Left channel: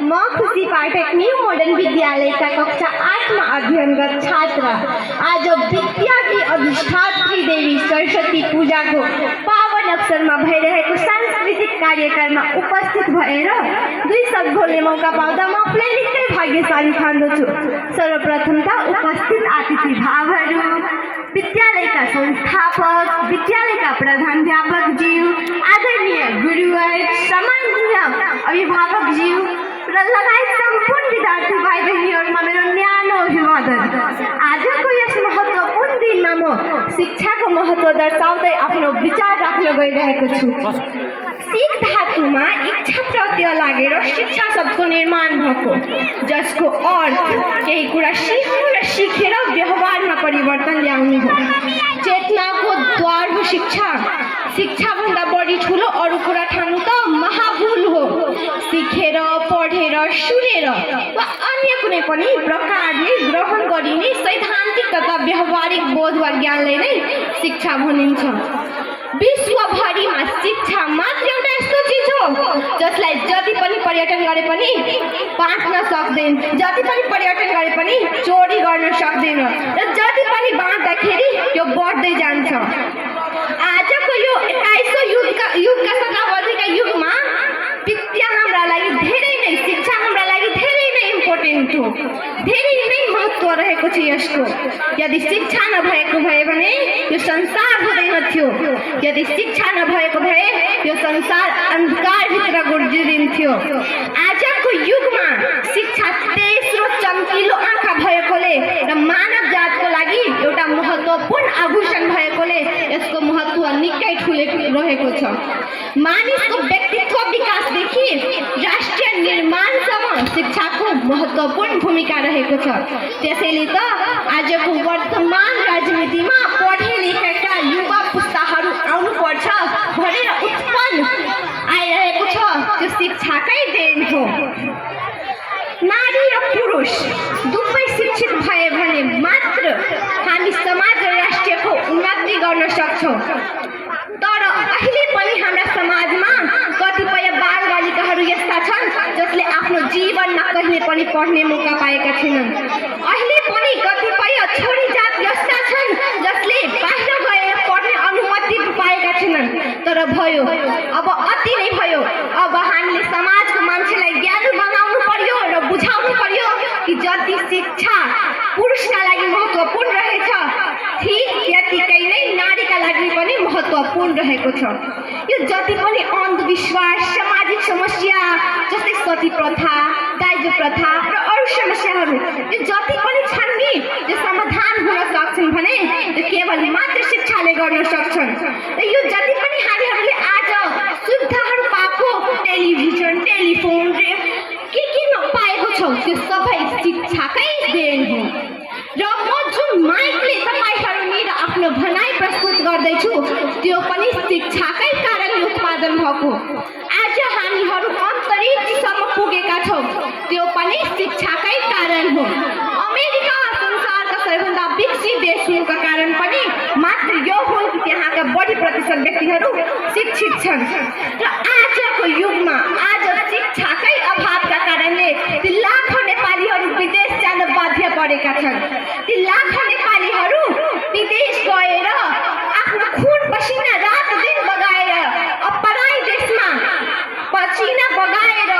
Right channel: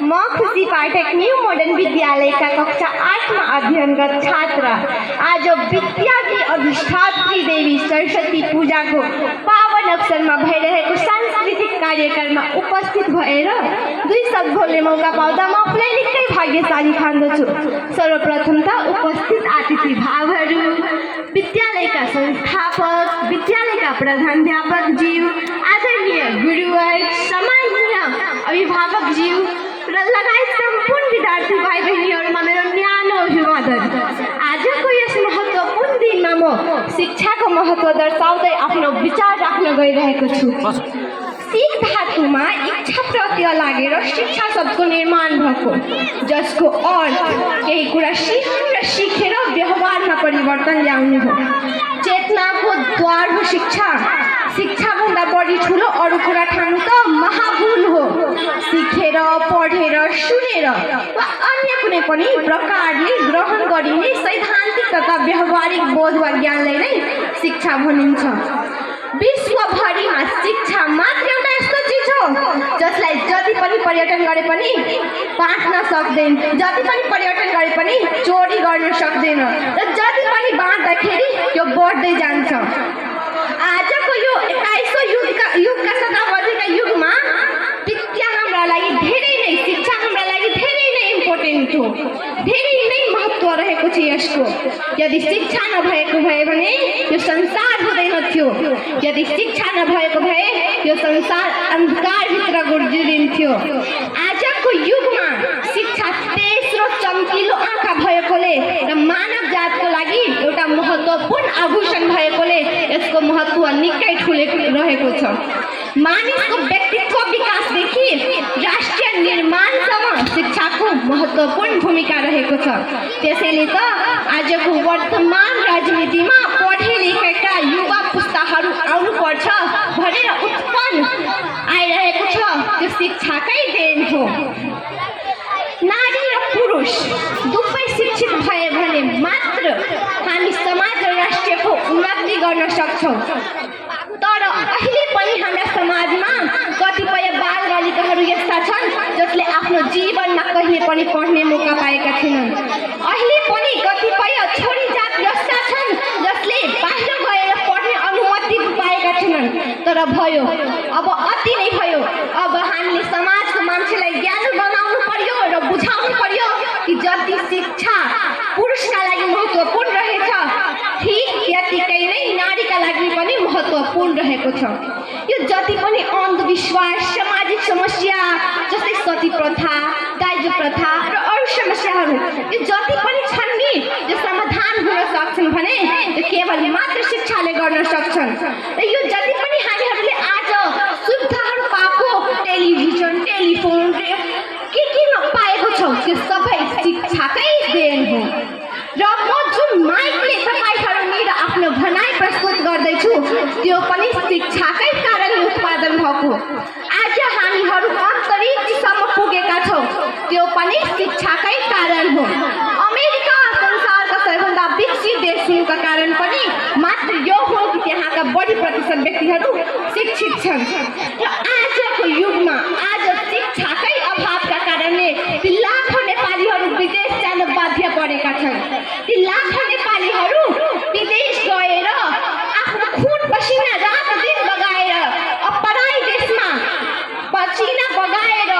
म खुशी पाठक new modern विद्यालय का कक्षा 8 में अध्ययनरत छात्र आज विद्या की अधिष्ठात्री देवी सरस्वती पूजा को पावन अवसर में भइरहेको सांस्कृतिक कार्यक्रम में उपस्थित भएर दुई शब्द बोल्ने मौका पाउँदा म आफूलाई निकै भाग्यशाली ठान्दछु। सर्वप्रथम त उपस्थित अतिथि भावहरू, विद्यालयका संस्थापक, विद्यालयका प्रधानाध्यापक ज्यू, आदरणीय गुरुवर, सम्माननीय अभिभावक ज्यू र लगायत सम्पूर्ण विद्यार्थी भाइ बहिनीहरूमा मेरो न्यानो अभिवादन। आजको यस महत्त्वपूर्ण दिनमा म शिक्षाको महत्त्व दर्शाउँदै आफ्नो विचार राख्न गइरहेको छु। सिख धातुमा इच्छा प्रत्यय लागेर शिक्षा शब्दको निर्माण भएको, जसको अर्थ केही कुरा सिक्नु र सिकेर व्यवहारमा परिवर्तन ल्याउनु हो। चेतनाको द्वार हो शिक्षा। शिक्षाभन्दा बढी ठुलो अरू कुरा ठान्नु त महाभूल हो। सिकेर, पढेर, सुनेर वा अन्य कुनै पनि प्रकारले ग्रहण गरिने सैद्धान्तिक तथा व्यावहारिक बोध वा ज्ञानलाई नै शिक्षा भनिन्छ। विश्वभरिमा शिक्षा मात्र एउटा यस्तो चिज हो जसलाई जति पनि पर्यटन गरे पनि बाँच्न सक्दैन, जति पनि पर्यटन गरे पनि चोरी गर्न सक्दैन र जति पनि बाँच्दाखेरि त्यो बढ्दै जान्छ। आजको यो 21औं युगका शताब्दीका युगमा विद्या हाम्रा लागि धेरै नै, शिक्षा हाम्रा लागि धेरै नै इम्पोर्टेन्ट हो, धेरै नै महत्त्व रहेको छ यसको। यदि शिक्षा नभएको भए भने यो संसार हुँदैन थियो। यदि शिक्षा नभएको भए यो संसार अन्धकारभित्र गुज्रिन्थ्यो। आजको युगमा शिक्षा तेस्रो चम्किलो आँखा भएकोले र मानव जातको लागि एउटा महत्त्वपूर्ण आभूषण भएकोले यसको महत्त्व निकै ठुलो रहेको छ। मानिसको व्यक्तित्व विकासदेखि राष्ट्रिय निर्माणसम्म शिक्षाको महत्त्वपूर्ण भूमिका रहेको छ। त्यसैले त आजको वर्तमान राजनीतिमा पढे लेखेका युवा पुस्ताहरू आउनुपर्छ भनेर उत्पन्न आइरहेको छ। त्यो शिक्षाकै देन हो। नारी र पुरुष दुवै शिक्षित भए भने मात्र हामी समाज र राष्ट्रको उन्नति गर्न सक्छौँ। तर अहिले पनि हाम्रा समाजमा कतिपय बालबालिकाहरू यस्ता छन् जसले आफ्नो जीवनमा कहिले पनि पढ्ने मौका पाएका छैनन्। अहिले पनि कतिपय छोरी जात यस्ता छन् जसले बाहिर गएर पढ्ने अनुमति पाएका छैनन्। तर भयो, अब अति नै भयो। अब हामीले समाजको मान्छेलाई ज्ञानी बनाउनु पर्यो र बुझाउनु पर्यो कि जति शिक्षा पुरुषका लागि महत्त्वपूर्ण रहेछ, ठीक त्यतिकै नै नारीका लागि पनि महत्त्वपूर्ण रहेको छ। यो जति पनि अन्धविश्वास, सामाजिक समस्या जस्तै सती प्रथा, दाइजो प्रथा र अरू समस्याहरू यो जति पनि छन् नि, यो समाधान हुन सक्छन् भने केवल मात्र शिक्षाले गर्न सक्छन्। र यो जति पनि हामीहरूले आज सुविधाहरू पाएको, टेलिभिजन, टेलिफोन के पाएको छौँ, त्यो सबै शिक्षाकै देन हो। र म जुन माइकले तपाईँहरू मेरो आफ्नो भनाइ प्रस्तुत गर्दैछु त्यो पनि शिक्षाकै कारणले उत्पादन भएको। आज हामीहरू अन्तरिक्षसम्म पुगेका छौँ, त्यो पनि शिक्षाकै कारण हो। अमेरिका संसारका सबैभन्दा विकसित देश हुनुका कारण पनि मात्र यो हो कि त्यहाँका बढी प्रतिशत व्यक्तिहरू शिक्षित छन्। र आजको युगमा आज शिक्षाकै अभावका कारणले ती लाखौँ नेपालीहरू विदेश जान बाध्य परेका छन्। ती लाखौँ नेपालीहरू विदेश गएर आफ्नो खुन पसिना रात दिन बगाएर पराई देशमा पसिना बगाएर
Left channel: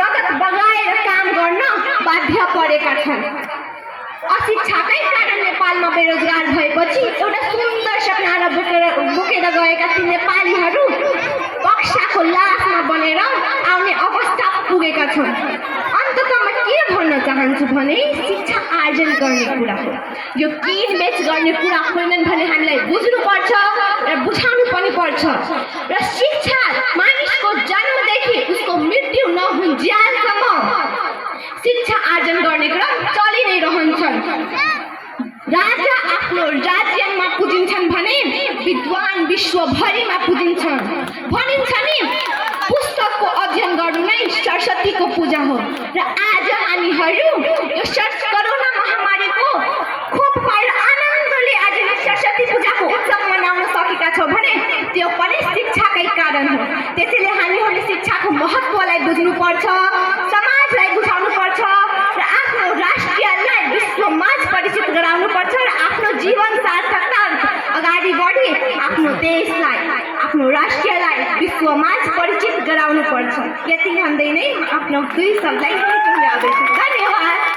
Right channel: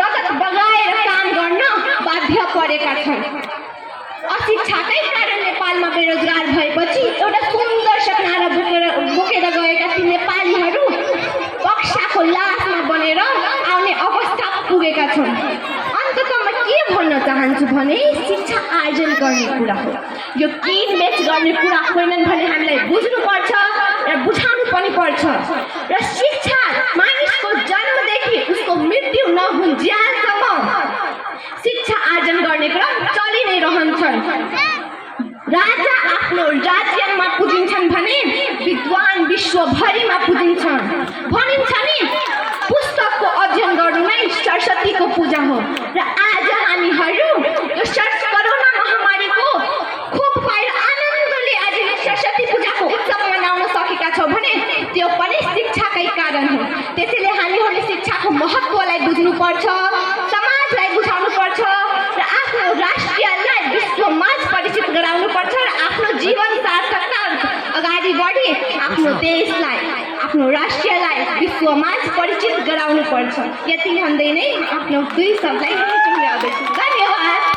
रगत बगाएर काम गर्न बाध्य परेका छन्। अशिक्षाकै कारण नेपालमा बेरोजगार भएपछि एउटा सुन्दर सपना बोकेर गएका ती नेपालीहरू बक्साको लासमा बनेर आउने अवस्था पुगेका छन्। अन्ततः म के भन्न चाहन्छु भने शिक्षा आर्जन गर्ने कुरा हो, यो किनबेच गर्ने कुरा होइनन् भने हामीलाई बुझ्नुपर्छ र बुझाउनु पनि पर्छ। र शिक्षा मानिसको जन्मदेखि उसको मृत्यु नहुन्जेलसम्म शिक्षा आर्जन गर्ने क्रम चलि नै रहन्छन्। राजा आफ्नो आफ्नो देशलाई आफ्नो राष्ट्रलाई विश्वमाझ परिचित गराउनु पर्छ। यति भन्दै नै आफ्नो दुई शब्दलाई टुङ्ग्याउँदैछु। धन्यवाद।